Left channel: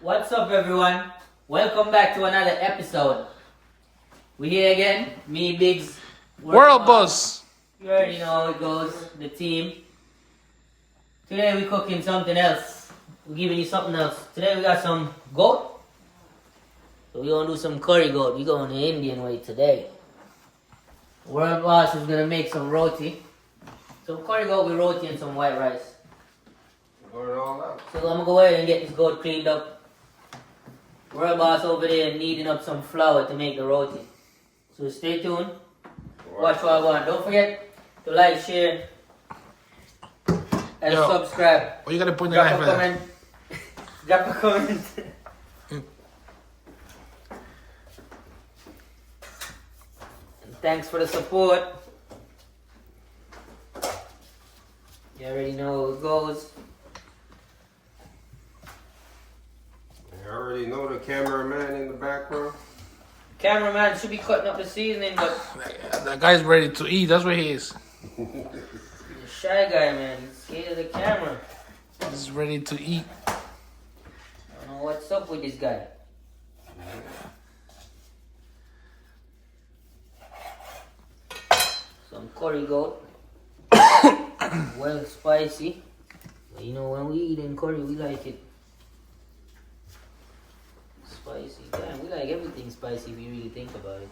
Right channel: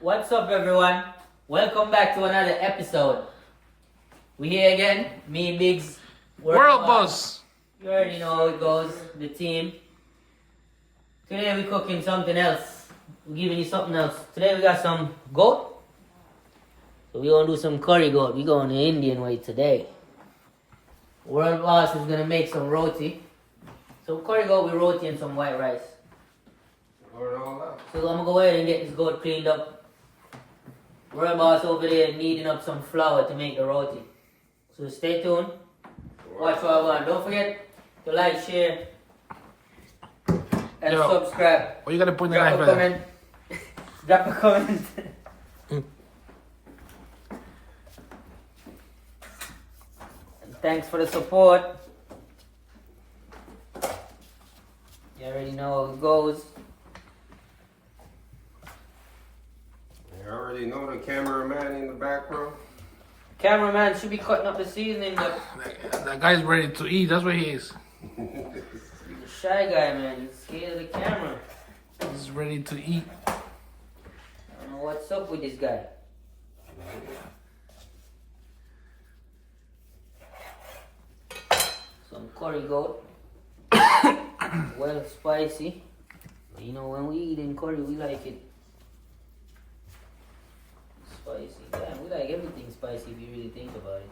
What's up, everyone? Welcome back to another episode. We here again, me, Biggs, World Boss. You already know how it goes, the team. Today we're cooking something else. We're giving you something else. Today we got some goat. So we're gonna do some curry goat. We're going the Indian way today. World Boss is gonna make some roti. Some curry goat with roti and some white rice. So I'm gonna go ahead and get this goat cleaned up. World Boss over there kneading up some flour to make the roti. So stay tuned. Watch what I want. Don't forget to like, share, and subscribe. Oh, you gotta put in the Drop knife a right comment. Drop a comment. And thanks for the support. You already know how it goes. I already know the cameraman in the background. Cameraman should be cutting up the seasoning, but That guy's ready to eat. That's what he is. he's a shy guy, man. He's scared of the camera. He's ready to eat. I don't know what's up with this guy. Some curry goat. Well, spicy. But you know, when we eat in curry, we like it spicy. Damn, we like everything spicy if you really think about it.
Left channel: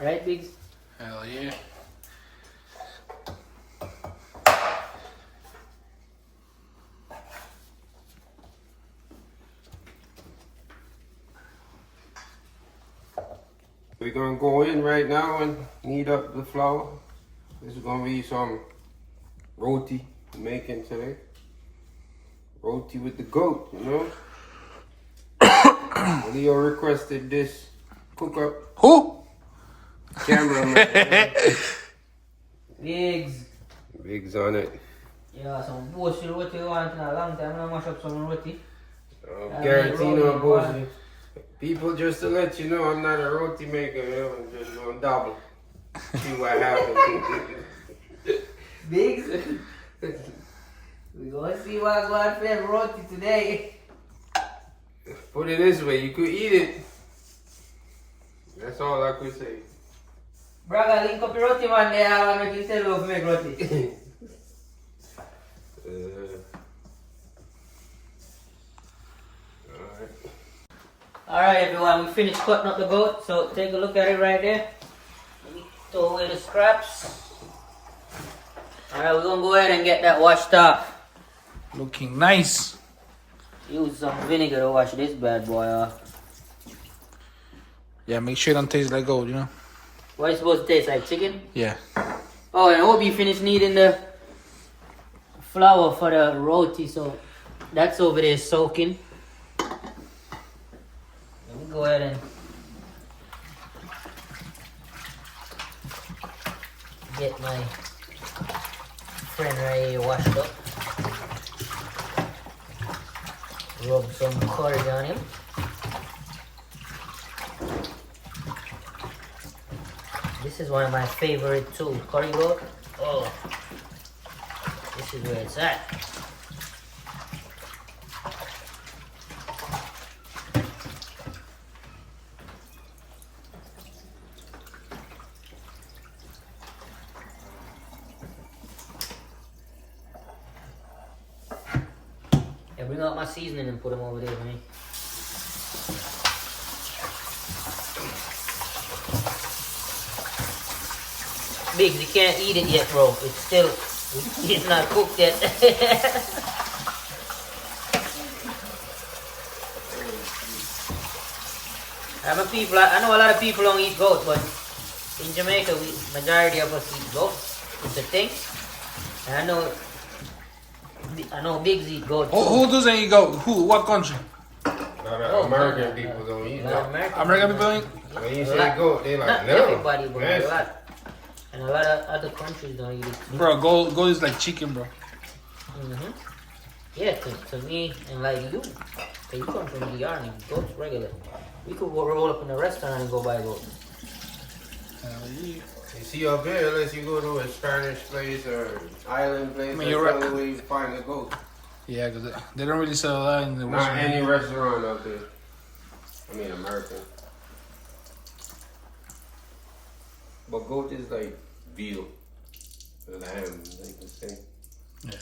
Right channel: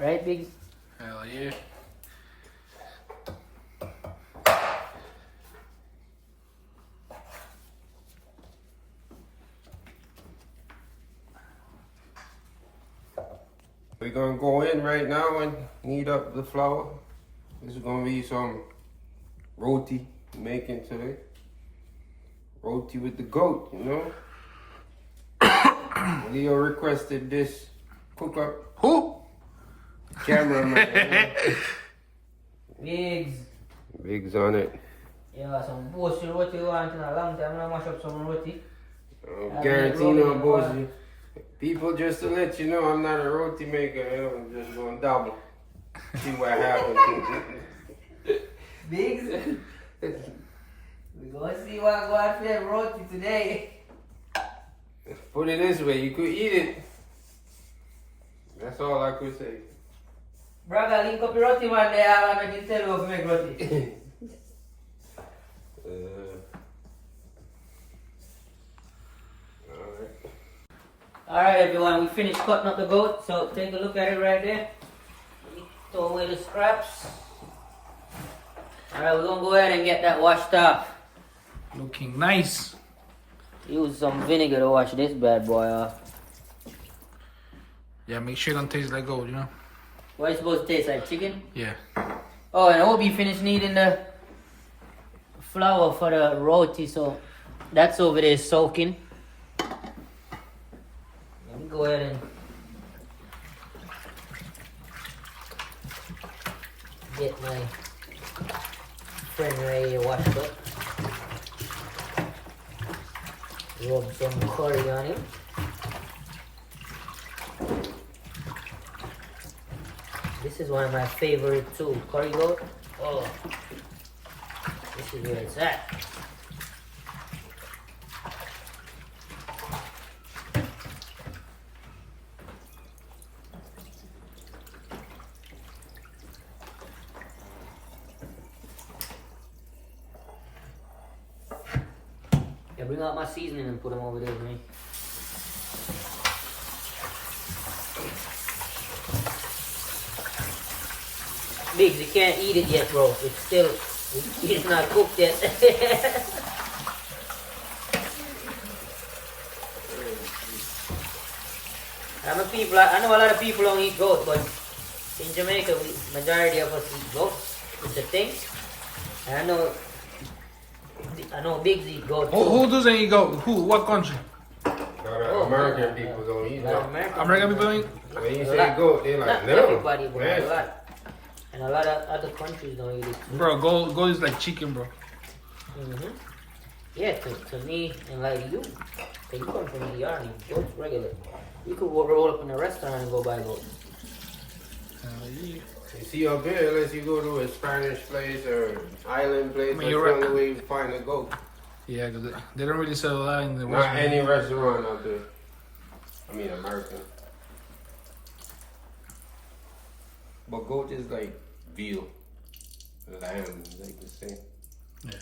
Right, Biggs? Hell yeah. We're gonna go in right now and knead up the flour. This is gonna be some roti making today. Roti with the goat, you know? Leo requested this cook up Who? cameraman. Biggs. Big's on it. Yeah, some bullshit roti you want in a long time. I'm gonna mash up some roti. Guarantee no bullshit. People, just to let you know, I'm not a roti maker. You know, I'm just gonna double. See what happens. Biggs? We gonna see what God fed roti today. Put it this way, you could eat it. That's all I could say. Braga, link up your roti, man. There, I'm gonna tell you how to make roti. Alright, everyone, we finished cutting up the goat, so take a look at it right there. We throw away the scraps. Alright, we're gonna go ahead and get that washed off. Looking nice. Use some vinegar to wash this bad boy off. Yeah, make sure it don't taste like gold, you know? What is it supposed to taste like, chicken? Yeah. Oh, and I hope you finished kneading the flour for the roti, so that's over there soaking. Let me go ahead and get my friend right here washed up. Rub some curry on him. This is one of my favorite too, curry goat. Oh, this is where it's at. Yeah, bring out my seasoning and put them over there, man. Biggs, you can't eat it yet, bro. It's still, it's not cooked yet. I know a lot of people don't eat goat, but in Jamaica, majority of us eat goat. It's a thing. And I know Biggs eat goat too. Who doesn't eat goat? Who? What country? American people don't eat that. American people don't eat? When you say goat, they like, not no. everybody, but Yes. a lot. And a lot of other countries don't eat it. Bro, goat is like chicken, bro. Yeah, to me and like you. So you come from the army, goat's regular. We could roll up in a restaurant and go buy goat. Hell yeah. You see up here, unless you go to a Spanish place or island place, that's you're the right. only way you find a goat. Yeah, because they don't really sell that in the Not Western. any restaurant out there. I mean, American. But goat is like veal, lamb, like the same. Yeah.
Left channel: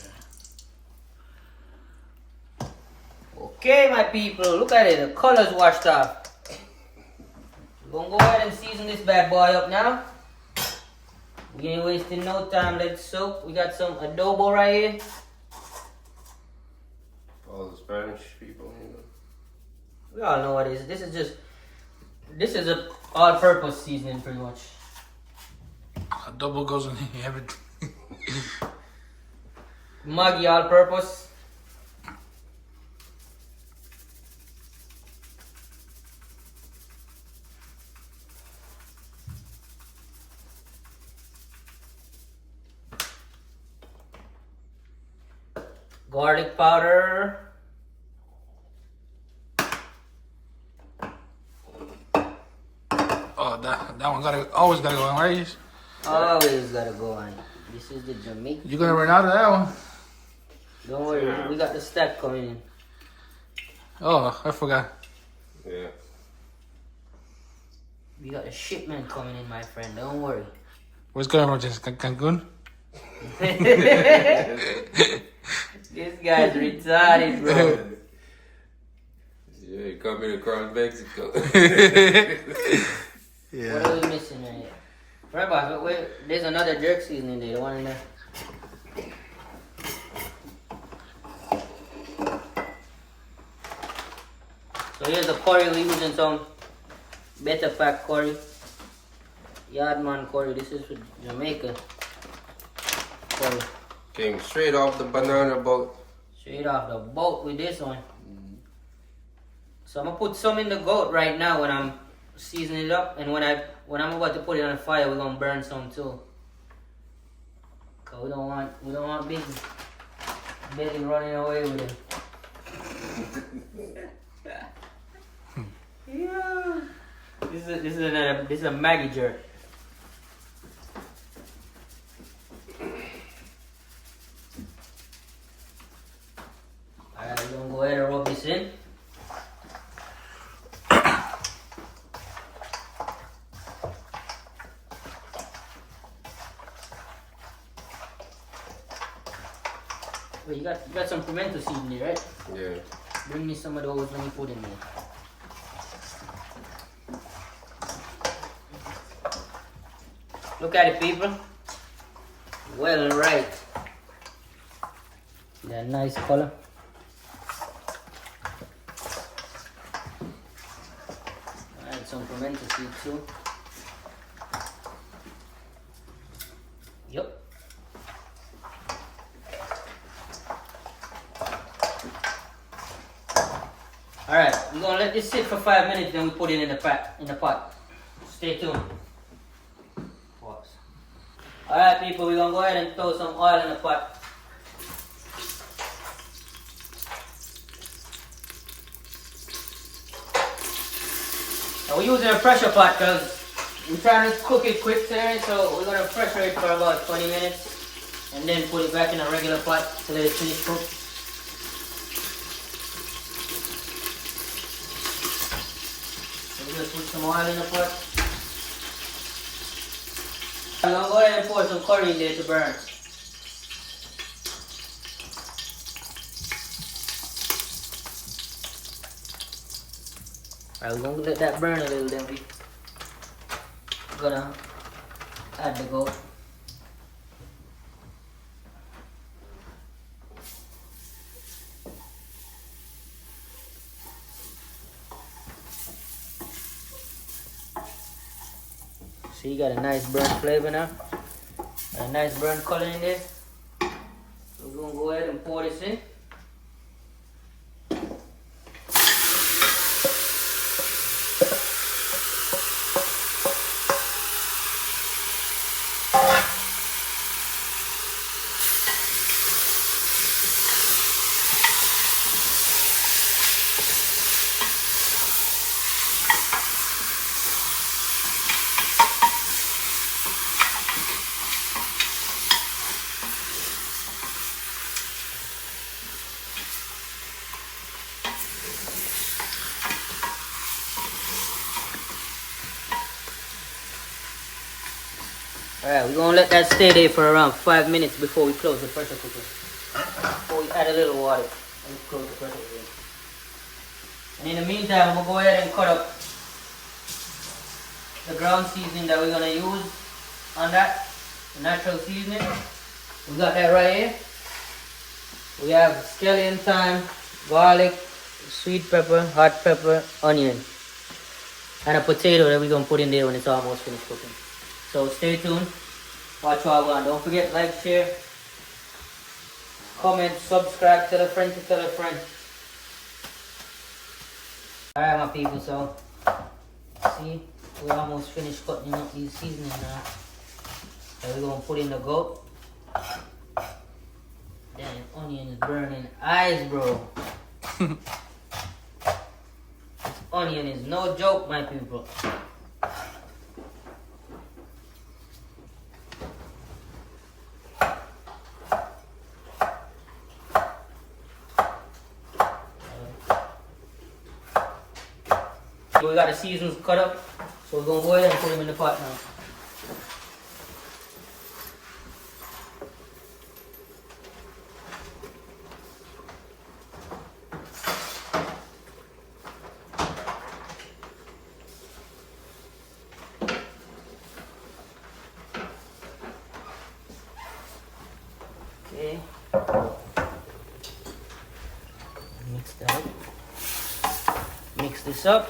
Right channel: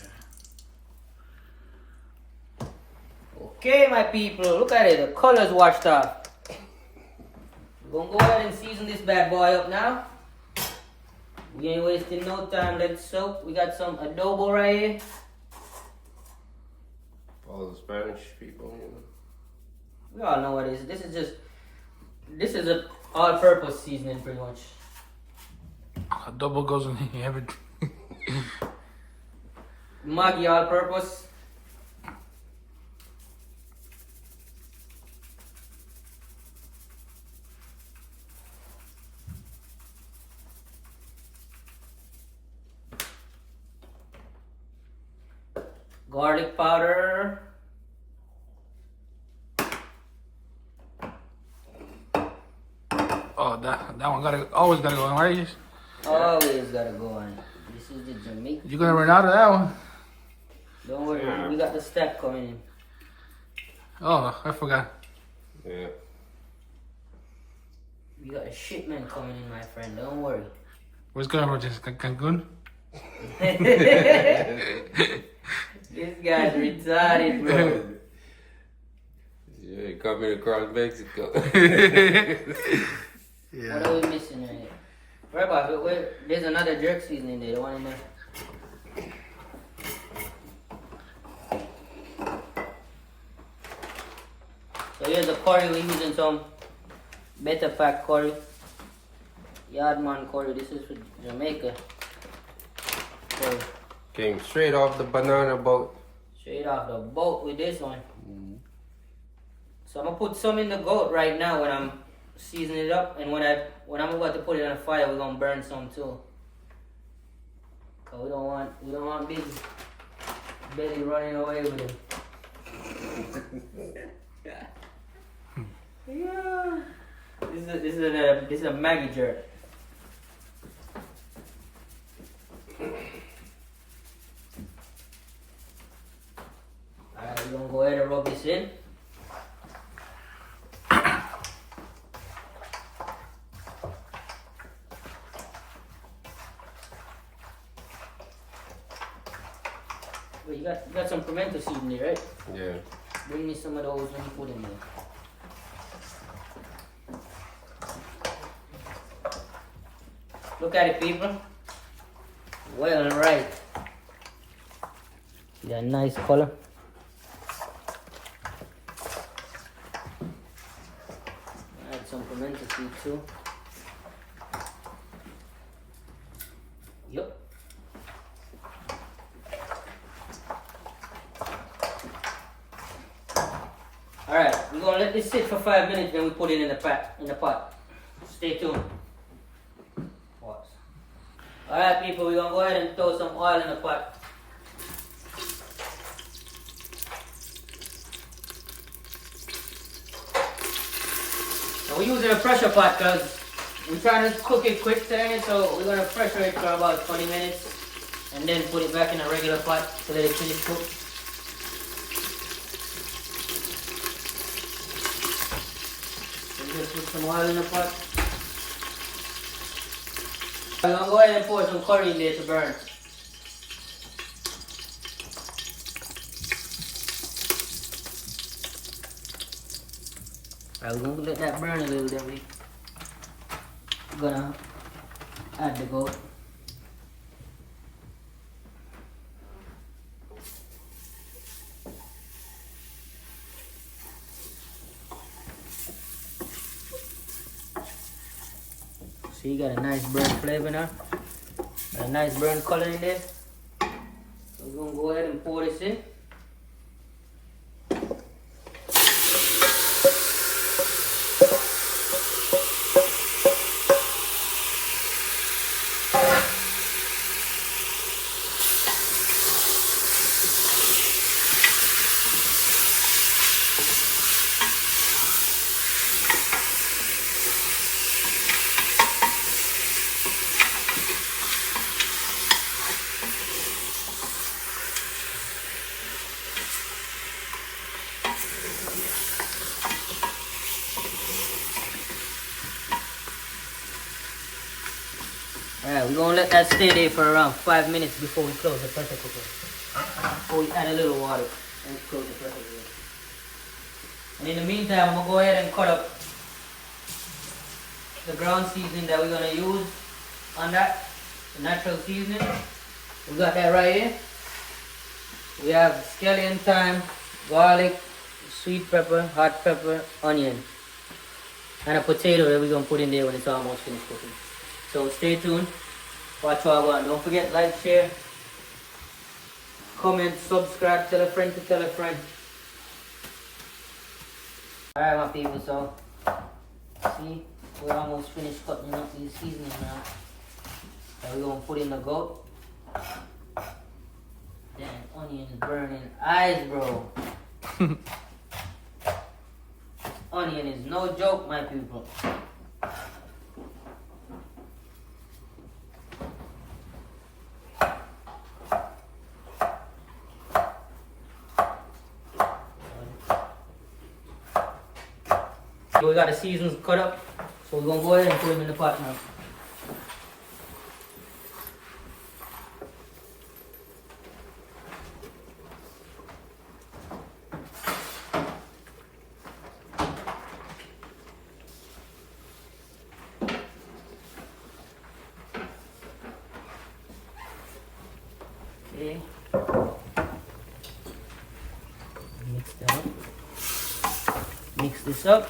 Okay, my people, look at it. The colors washed off. We're gonna go ahead and season this bad boy up now. We ain't wasting no time. Let's soak. We got some adobo right here. All the Spanish people, you know. We all know what it is. This is a all-purpose seasoning, pretty much. A double goes in every. Maggi all-purpose. Garlic powder. Oh, that one always gotta go on, right? Always gotta go on. This is the Jamaican. You're gonna run out of that one. Don't worry, we got the stack coming in. Oh, I forgot. Yeah. We got a shipment coming in, my friend. Don't worry. What's going on, just Cancun? This guy's retarded, bro. Yeah, coming across Mexico. Yeah. What are we missing right here? Right, boss, there's another jerk seasoning there. The one in there. So here's the curry. We're using some better fat curry. Yardman curry. This is for Jamaica curry. Came straight off the banana boat. Straight off the boat with this one. So I'm gonna put some in the goat right now when I'm seasoning it up, and when I'm about to put it on the fire, we're gonna burn some too. Cause we don't want Betty running away with it. Yeah. This is a Maggie jerk. Alright, we're gonna go ahead and rub this in. Wait, you got some pimento seed in there, right? Yeah. Bring me some of those when you put in there. Look at it, people. Well, right. See that nice color? Add some pimento seed too. Yep. Alright, we're gonna let this sit for 5 minutes, then we put it in the pot. Stay tuned. Pause. Alright people, we're gonna go ahead and throw some oil in the pot. Now we're using a pressure pot because we're trying to cook it quick today, so we're gonna pressure it for about 20 minutes and then put it back in a regular pot to let it finish cook. Just put some oil in the pot. I'm gonna go ahead and pour some curry in there to burn. Alright, we're gonna let that burn a little bit. We're gonna add the goat. So you got a nice burnt flavor now, and a nice burnt color in there. So we're gonna go ahead and pour this in. Alright, we're gonna let that stay there for around 5 minutes before we close the pressure cooker. Before we add a little water and close the pressure cooker. And in the meantime, I'm gonna go ahead and cut up the ground seasoning that we're gonna use on that, the natural seasoning. We got that right here. We have scallion, thyme, garlic, sweet pepper, hot pepper, onion, and a potato that we're gonna put in there when it's almost finished cooking. So stay tuned, watch what I want. Don't forget, like, share, comment, subscribe, tell a friend to tell a friend. Alright my people, so see, we're almost finished cutting up these seasonings now. So we're gonna put in the goat. Damn, onion is burning eyes, bro. This onion is no joke, my people. We got the seasons cut up, so we're gonna go ahead and put them in the pot now. Okay. Mix that up. Mix this up.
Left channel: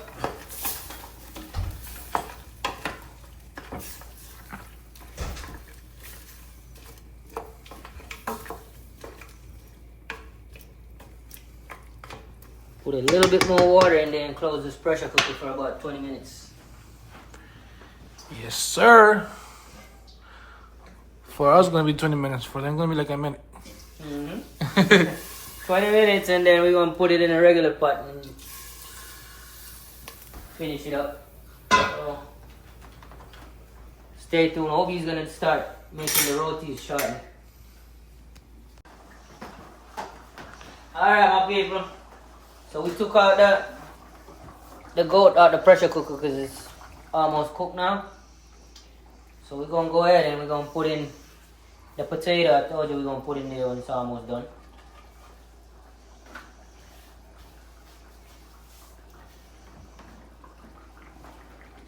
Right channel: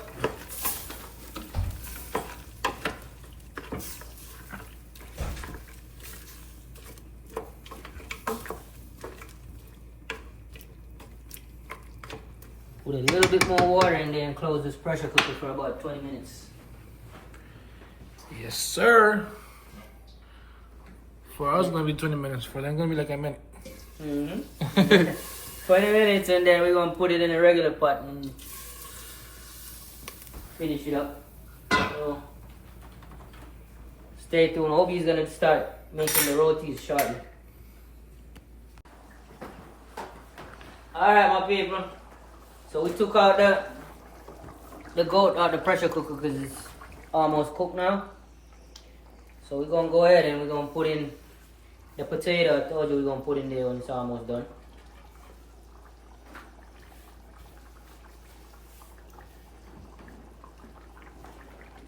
Put a little bit more water in there and close this pressure cooker for about 20 minutes. Yes, sir. For us, it's gonna be 20 minutes. For them, it's gonna be like a minute. 20 minutes and then we're gonna put it in a regular pot and finish it up. So stay tuned. Hope he's gonna start making the rotis shortly. Alright my people. So we took out the goat out the pressure cooker because it's almost cooked now. So we're gonna go ahead and we're gonna put in the potato. I told you we're gonna put in there when it's almost done.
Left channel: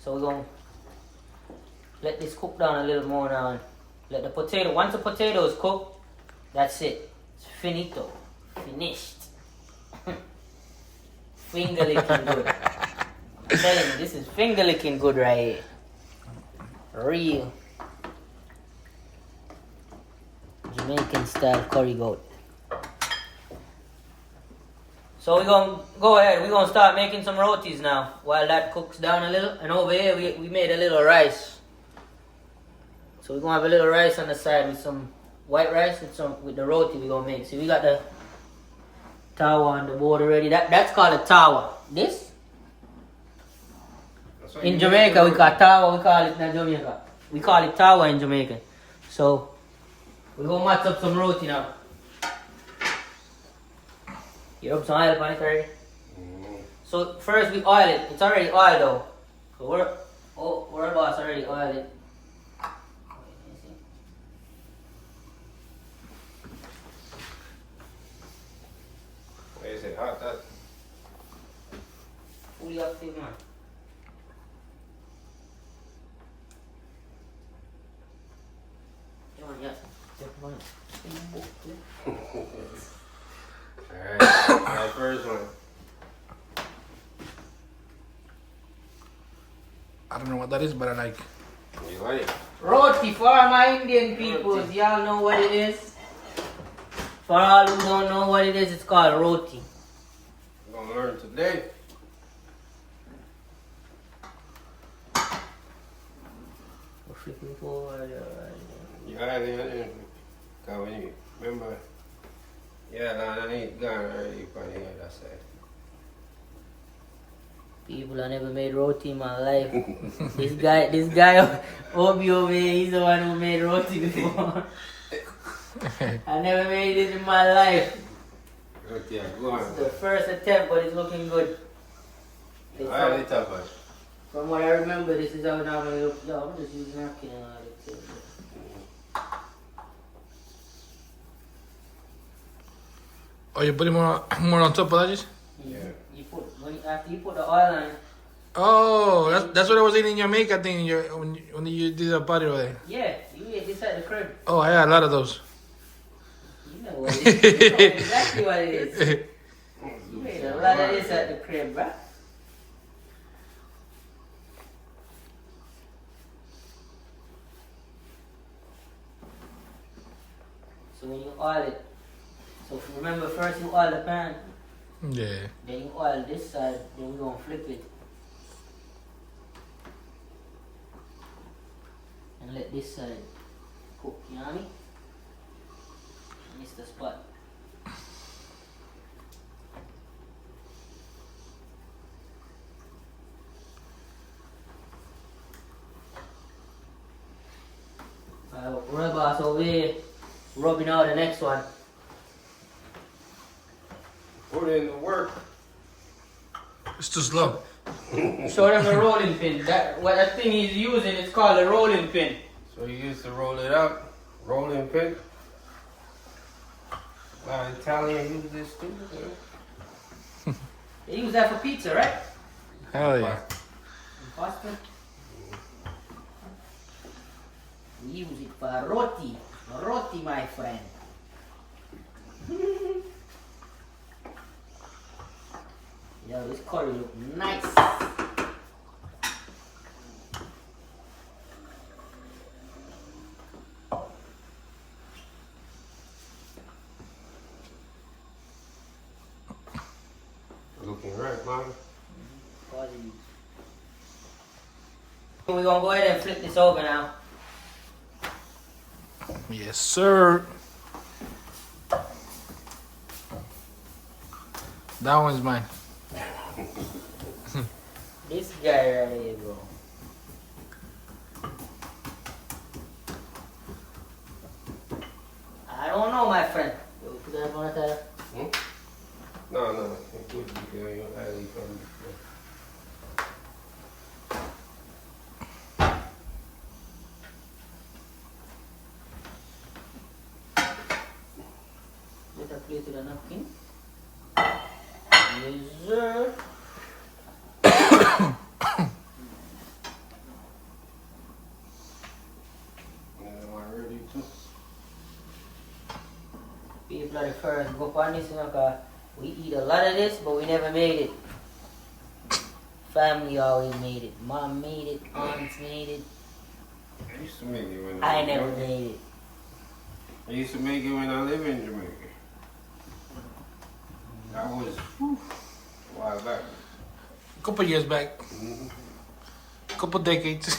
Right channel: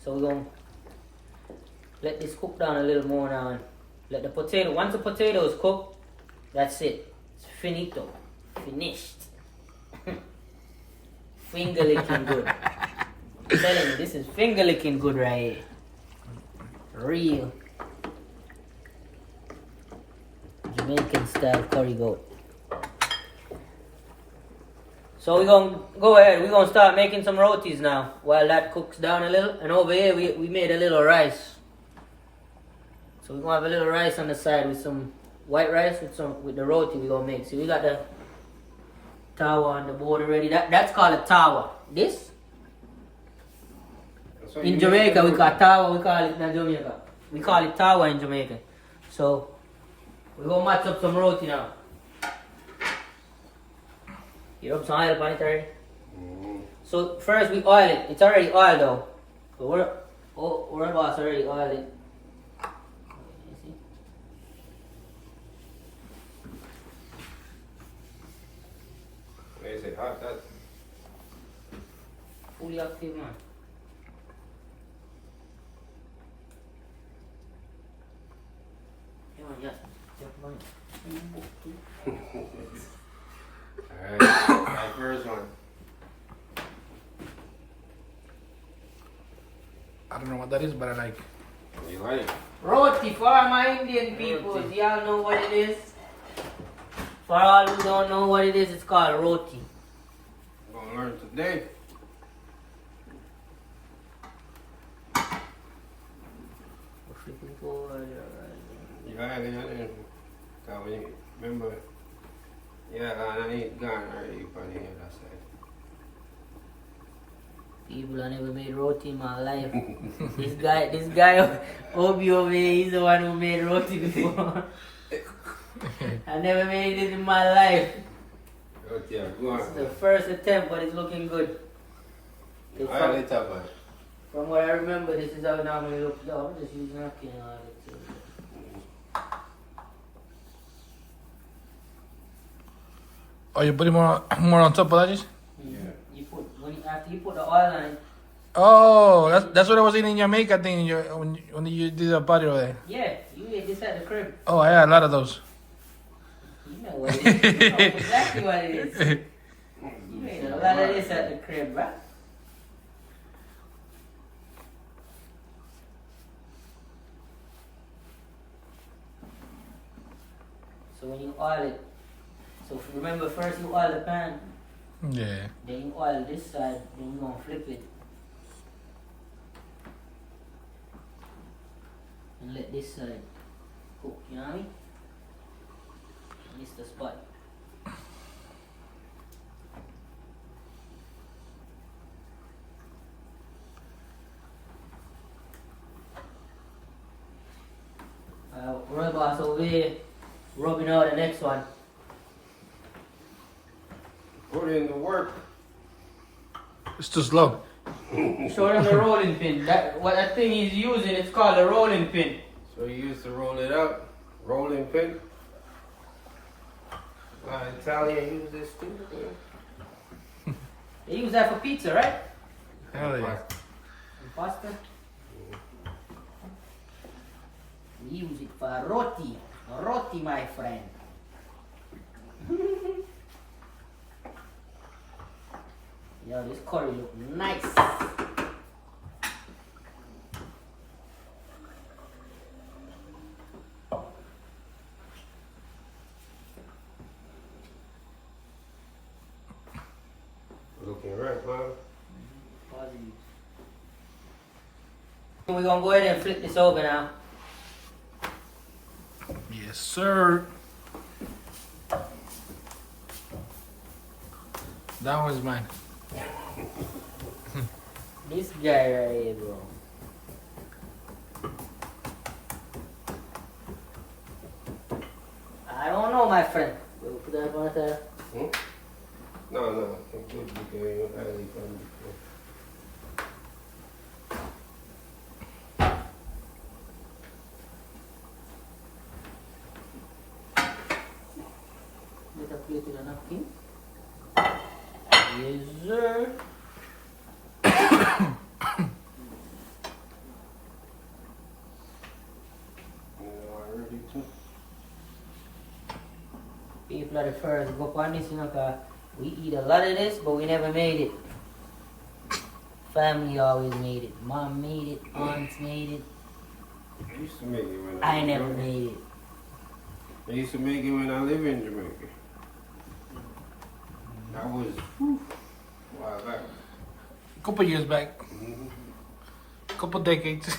So we're gonna let this cook down a little more now. And let the potato, once the potato is cooked, that's it. It's finito. Finished. Finger licking good. I'm telling you, this is finger licking good right here. Real Jamaican style curry goat. So we're gonna go ahead, we're gonna start making some rotis now while that cooks down a little. And over here we made a little rice. So we're gonna have a little rice on the side with some white rice with the roti we're gonna make. So we got the tawa on the board already. That's called a tawa. This? In Jamaica we call it tawa, we call it in Jamaica. We call it tawa in Jamaica. So we're gonna match up some roti now. You rub some oil on it already? So first we oil it. It's already oiled though. So we're about already oiled it. Is it hot that? Fully active man. Alright, my first one. I don't know what that is, but I like. You like it? Roti for my Indian people. Y'all know what it is? For all who don't know what it is, it's called roti. We're gonna learn today. Yeah, remember? Yeah, I ain't gone already from the other side. People, I never made roti in my life. this guy, Obi over here, he's the one who made roti before. I never made it in my life. Roti, go on. This is the first attempt, but it's looking good. From what I remember, this is how it normally looks. Yo, I'm just using napkin and all that. Oh, you put more on top of that? Just? Yeah. After you put the oil on it. Oh, that's what I was eating in Jamaica. I think when you did the party over there. Yeah, you ate this at the crib. Oh, I had a lot of those. You know what it is. You know exactly what it is. You ate a lot of this at the crib, bruh. So when you oil it, so remember first you oil the pan, Yeah. then you oil this side, then we're gonna flip it. And let this side cook, you know what I mean? And it's the spot. Robots over here rubbing out the next one. Put in the work. It's too slow. Show them the rolling pin. What that thing he's using, it's called a rolling pin. So you used to roll it out, rolling pin. A lot of Italians use this too. They use that for pizza, right? Hell yeah. And pasta. We use it for roti. Roti, my friend. Yo, this curry look nice. Looking right, man. We're gonna go ahead and flip this over now. Yes, sir. That one's mine. This guy right here, bro. I don't know, my friend. Put that on there. No, no. It's good because you're highly confident. Let her plate with a napkin. Yes, sir. People are the first to go on this, you know, 'cause we eat a lot of this, but we never made it. Family always made it. Mom made it. Aunts made it. I used to make it when I never made it. I used to make it when I lived in Jamaica. That was a while back. Couple years back. Couple decades. I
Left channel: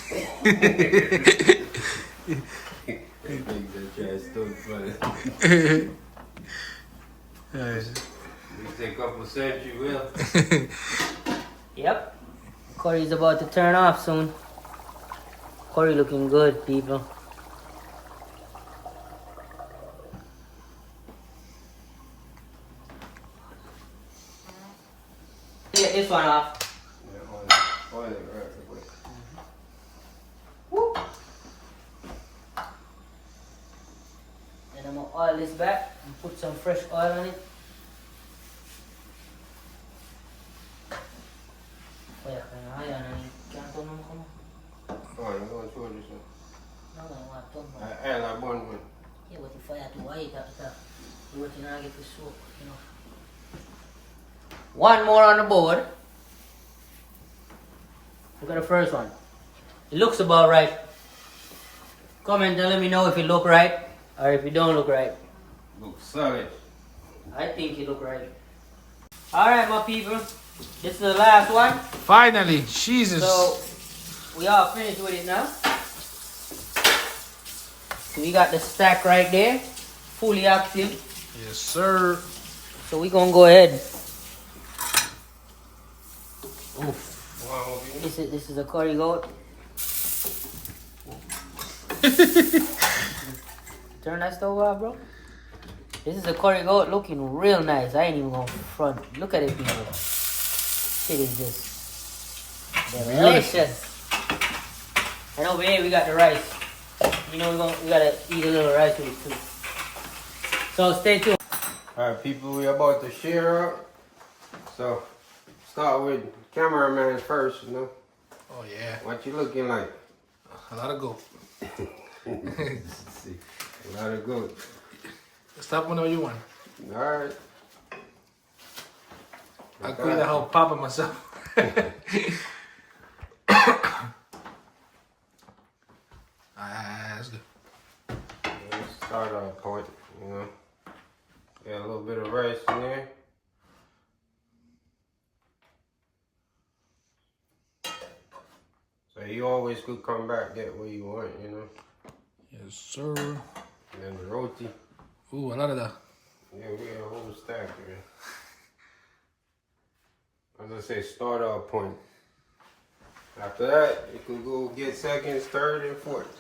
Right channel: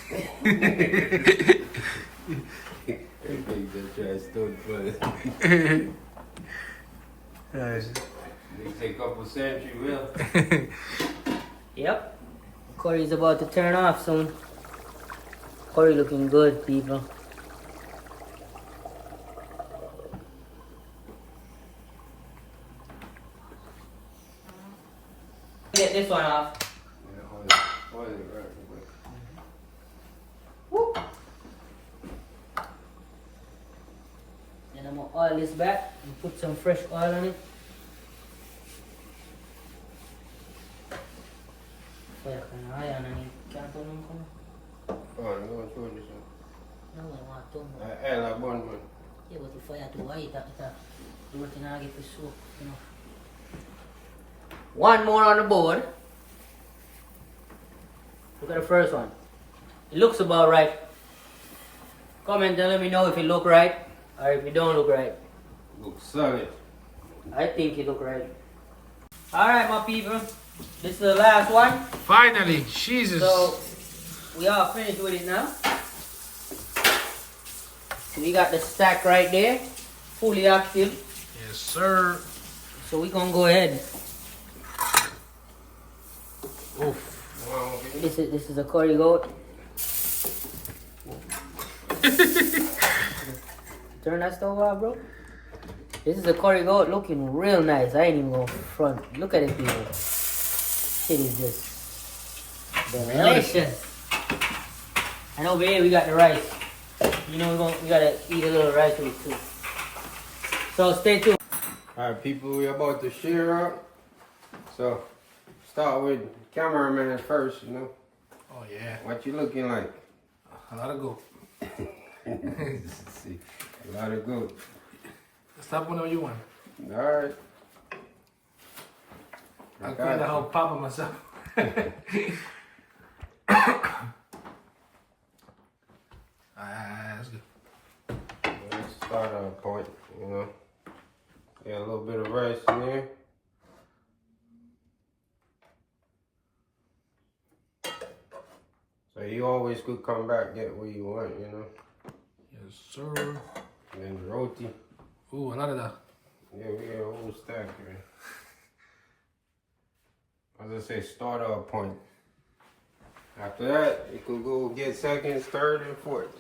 think that trash still funny. We take a couple centuries, will. Yep. Curry's about to turn off soon. Curry looking good, people. Get this one off. Yeah, oil it right away. Whoop. Then I'm gonna oil this back and put some fresh oil on it. Wait, can't turn on. Oh, I'm going to show this one. No, I want to turn. And that one. Yeah, but if I have to wait, you working to get the soup, you know. One more on the board. Look at the first one. It looks about right. Comment and let me know if it look right or if it don't look right. Looks solid. I think it look right. Alright, my people. This is the last one. Finally, Jesus. So, we all finished with it now. We got the stack right there. Fully active. Yes, sir. So we gonna go ahead. Oh, this is a curry goat. Turn that stove off, bro. This is a curry goat looking real nice. I ain't even gonna front. Look at it, people. Shit is just delicious. And over here we got the rice. You know we gotta eat a little rice with it too. So stay tuned. Alright, people, we're about to share up. So, start with cameraman first, you know. Oh yeah, What you looking like? a lot of goat. See, a lot of good. Stop whenever you want. Alright. I clean the whole papa myself. That's good. Let's start on point, you know. Got a little bit of rice in there. So you always could come back, get what you want, you know. Yes, sir. And then the roti. Ooh, a lot of that. Yeah, we got a whole stack here. As I say, start off point. After that, you could go get seconds, third, and fourth.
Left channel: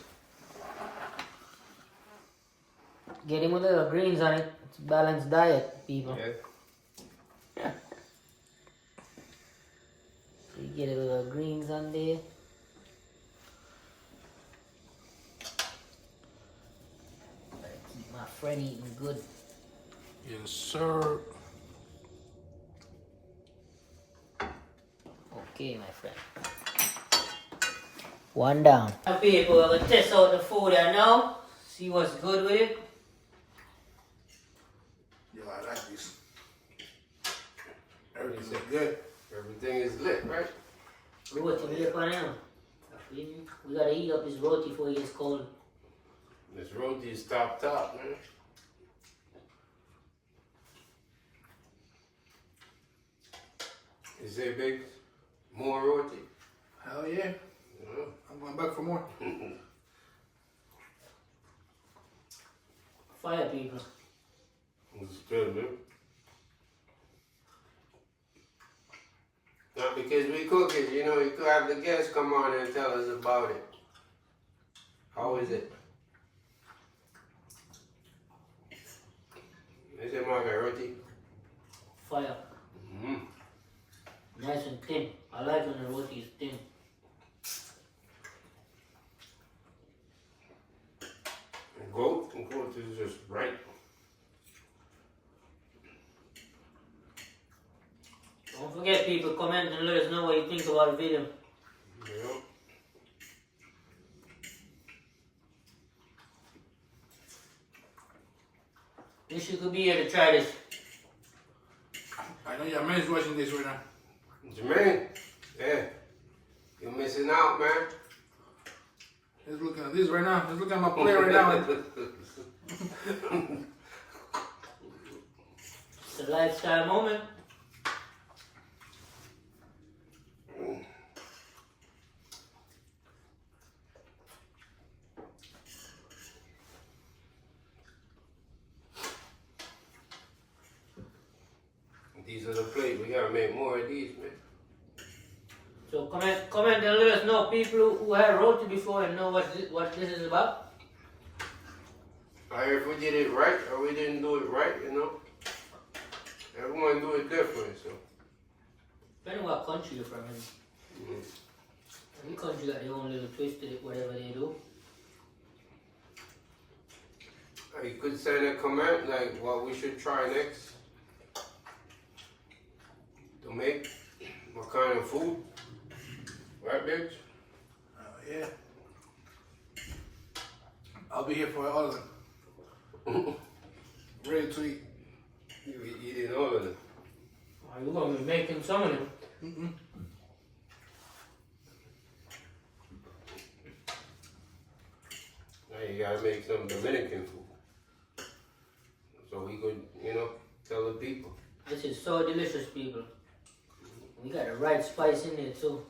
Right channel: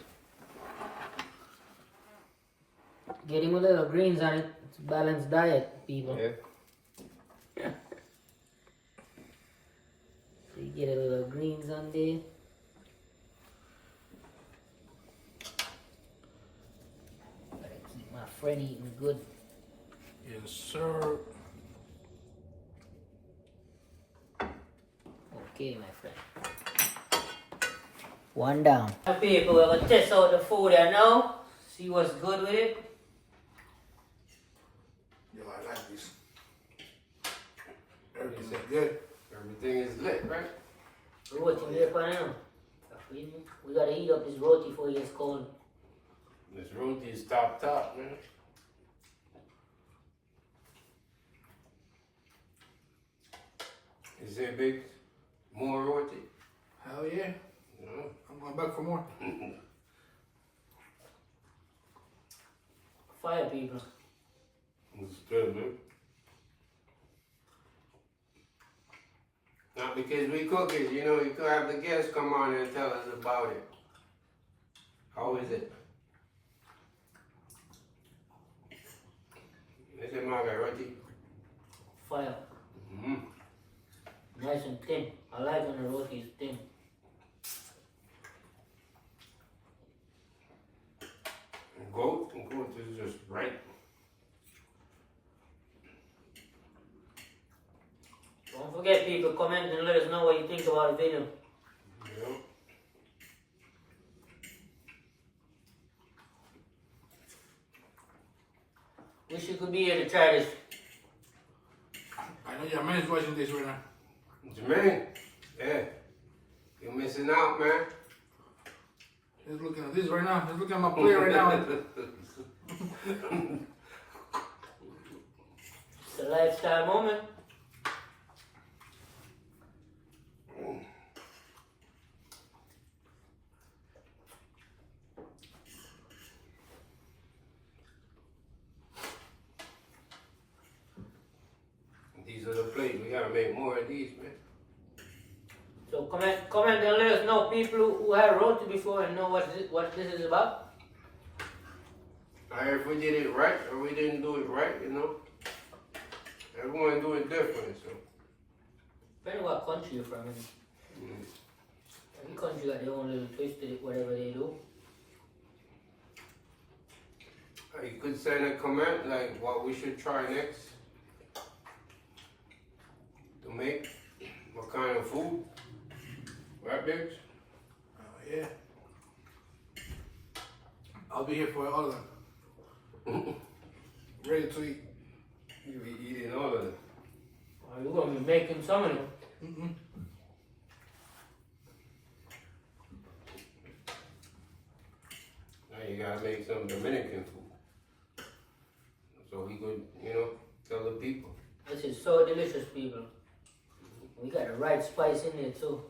Get him a little greens on it. It's a balanced diet, people. Yeah. So you get a little greens on there. Gotta keep my friend eating good. Yes, sir. Okay, my friend. One down. Now, people, we're gonna test out the food here now. See what's good with it. Yeah, I like this. Everything is good. Everything is lit, right? Roti, we up now. We gotta heat up this roti before it gets cold. This roti is top, man. You say, big? More roti? Hell yeah. Yeah. I'm going back for more. Fire, people. It's good, man. Not because we cook it, you know, you could have the guests come on and tell us about it. How is it? Is it my roti? Fire. Mm-hmm. Nice and thin. I like when the roti is thin. Goat is just right. Don't forget, people, comment and let us know what you think about the video. You know? Wish you could be here to try this. I know your man's watching this right now. Jermaine, yeah, you're missing out, man. He's looking at this right now. He's looking at my plate right now. It's a lifestyle moment. These are the plates. We gotta make more of these, man. So comment and let us know, people who had roti before and know what this is about. If we did it right or we didn't do it right, you know. Everyone do it different, so. Depending what country you're from. Every country got their own little twist to it, whatever they do. You could send a comment like what we should try next to make, what kind of food, right, bitch? Oh yeah. I'll be here for all of them. Ready to eat. You be eating all of them. Oh, you're gonna be making some of them. Now you gotta make some Dominican food. So we could, you know, tell the people. This is so delicious, people. We got the right spice in there too.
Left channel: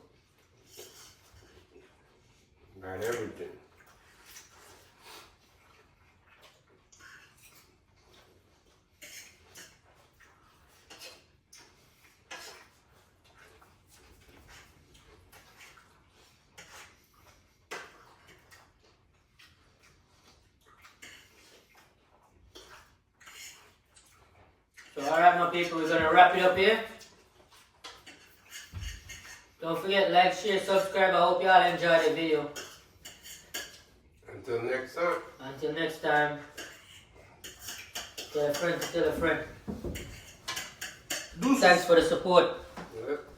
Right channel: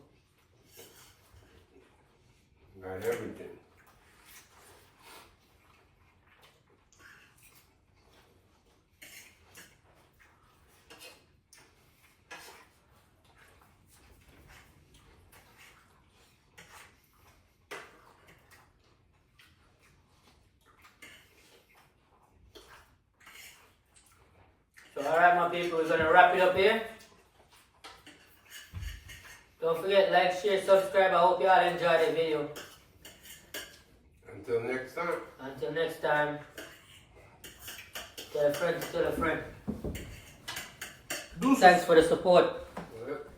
Got everything. So alright, my people, we're gonna wrap it up here. Don't forget, like, share, subscribe. I hope y'all enjoyed the video. Until next time. Until next time. Tell a friend to tell a friend. Deuces. Thanks for the support. Yep.